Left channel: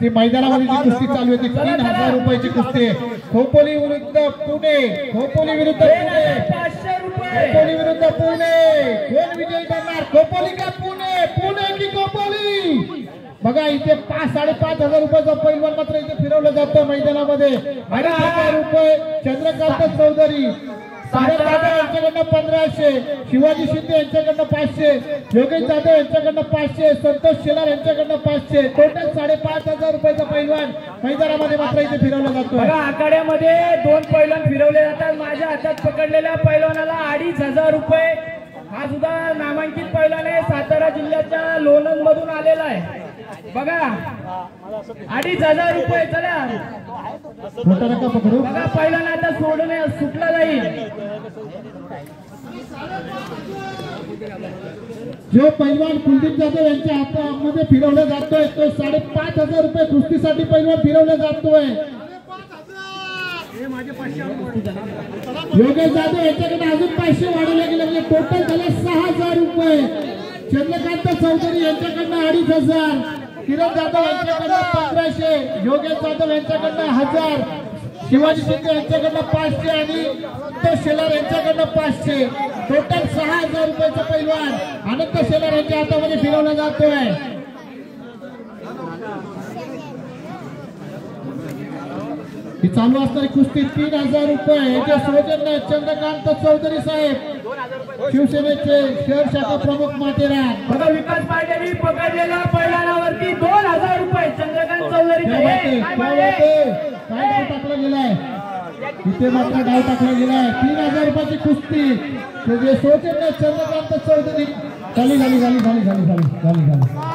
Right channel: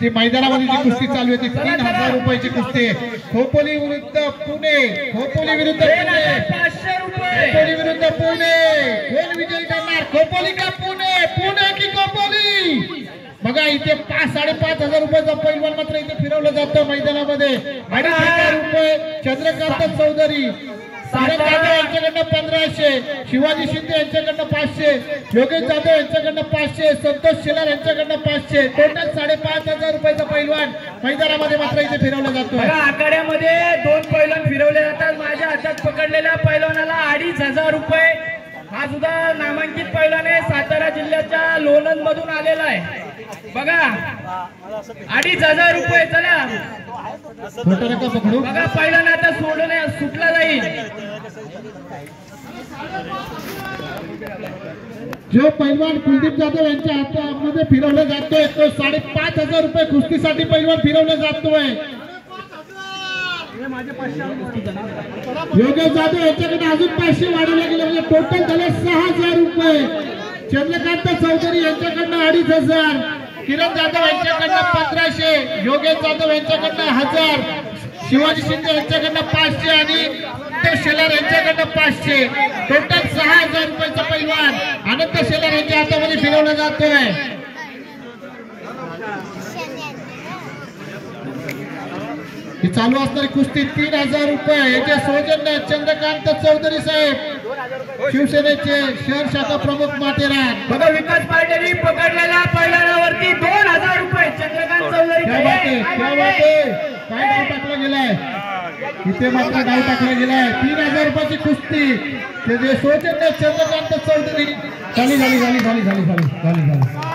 ती मैदानामध्ये जी कुस्ती चालू होती 3000 रुपयाची कुस्ती खोपोली विरुद्ध पुणे, खोपोली विरुद्ध पुणे, 500 रुपये, खोपोली विरुद्ध पुणे। कोण विजयी ठरणार, खोपोली का पुणे, पुणे की खोपोली? बघा इथे 5,500 रुपयाचा पैलवान मात्र इथे फिरवलं जातं मैदानामध्ये। 2,500 रुपये चंद्रकांत चौधरी यांच्याकडनं 1500, शिवाजी शिंदे यांच्याकडनं 500, योगेश जाधव यांच्याकडनं 500, संतोष शेलार यांच्याकडनं 500, टोटल 5,500 रुपयाचा पैलवान मैदानामध्ये मात्र इथे फिरवला जातो। आखाड्यामध्ये 2 पैलवान फिरवले जातात। माझ्या हातात पकडलेल्या पैलवानाला 2,500 रुपये। हा सुद्धा नामांकित पैलवान आहे, सातारा जिल्ह्याच्या लोणंद मधून आलेला आहे। बघा 2,500 रुपये। चला बघा पैलवान आता सुटला जाईल। जो पैलवान कुलदीप जाधव यांच्या हातामध्ये फिरवला जातोय तो 5,500 रुपये कुस्तीसाठी पैलवान फिरवला जातोय। योगेश जाधव यांच्याकडे अजून 500 वाढवले गेले, म्हणजे टोटल झाले 6,000 रुपये। चंद्रकांत चौधरी यांच्याकडनं 2,500, किरण जाधव यांच्याकडनं 1,500, योगेश जाधव यांच्याकडनं 1,000, शिवाजी शिंदे यांच्याकडनं 500 आणि अनंत शेलार यांच्याकडनं 500, टोटल 6,000 रुपयाचा पैलवान अनंत शेलार यांच्या हातामध्ये फिरवला जातोय। ही चालू असणारी कुस्ती 3,000 रुपये याचे सौजन्य चंद्रकांत चौधरी साहेब, शिवसेनेचे शहर शाखा प्रमुख माथेरान। बघा विकास पाटील पकडलेल्या पैलवानावरती 2,000 रुपये चंद्रकांत चौधरी। काय डाव टाकला गेलाय इथे, मात्र डाव टाकला गेलाय। 3,000 रुपयाची कुस्ती ते सौजन्य चंद्रकांत चौधरी। झाली झाली झाली झाली झाली झाली झाली झाली